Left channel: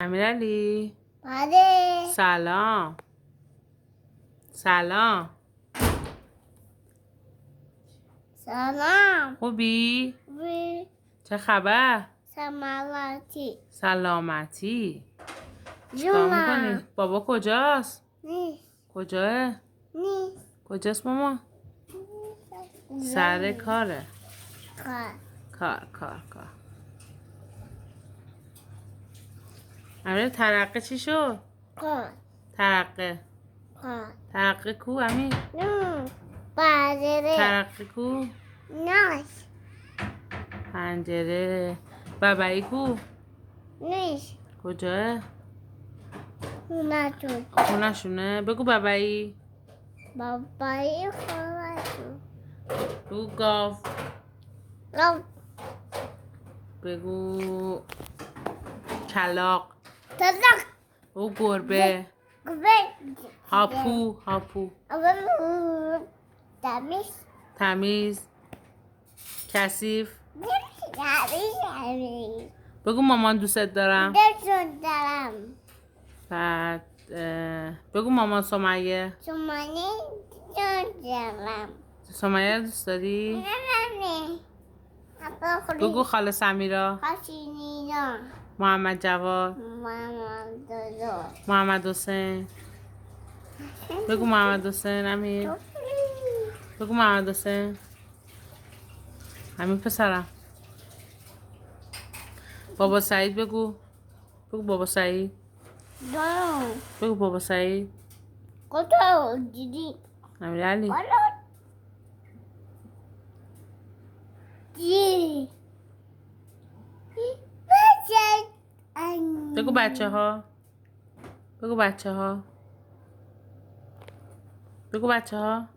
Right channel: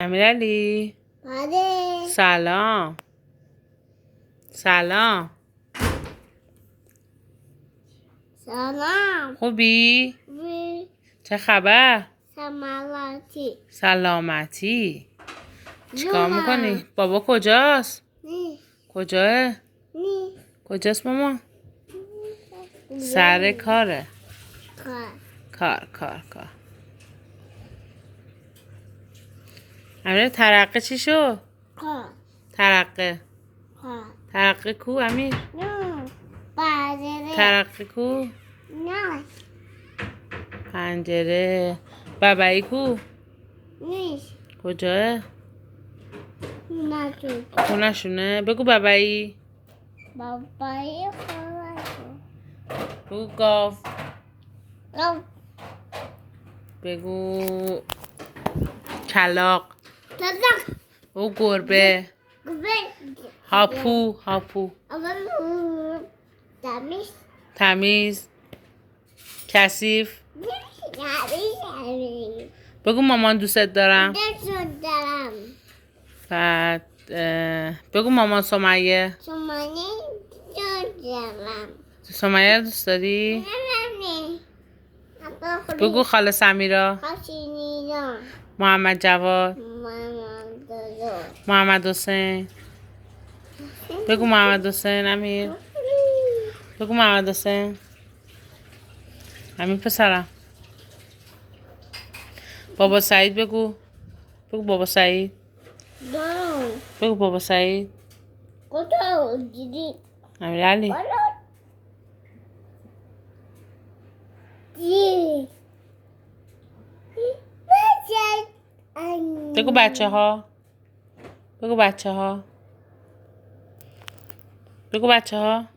امیرعلی بله. سلام. سلام. سلام. خوبی؟ وی چه خبر؟ سلامتی. سلامتی. چیکار میکنی؟ بابا کجاست؟ نی کجاه؟ نی کجاست ماما؟ سر کاره. کار کار. امیر ترقه چی شد؟ کار ترقه کو امیر؟ نو بازره ترقه کو؟ ناش پنجره. بابایی کو؟ نیش کجاه؟ ناتو خونشونه؟ بگو بابایی. بابای خودتو بگو گاو. رو بگو کلاق. تزاک بگو گربه. گوبه هاپو. دمیش تمیز. کثیف. دمیش بگو مامان دوست دارم. دلشون دارم بعد بگو مامان سمیه. شمانه دلشون دارم سمیه رو دوست داری؟ نه بگو خاله سمیرا. خاشینی نه محمد جواد. مامان دادو محمد حسین. بگو محمد حسین امیر. بگو محمد حسین. امیر پسرم. بابا سعید بگو. بگو بابا سعید. دارم بگو بابا سعید. کتا دیدی امیرعلی. دی بگو بچه ها. بگو بچه ها.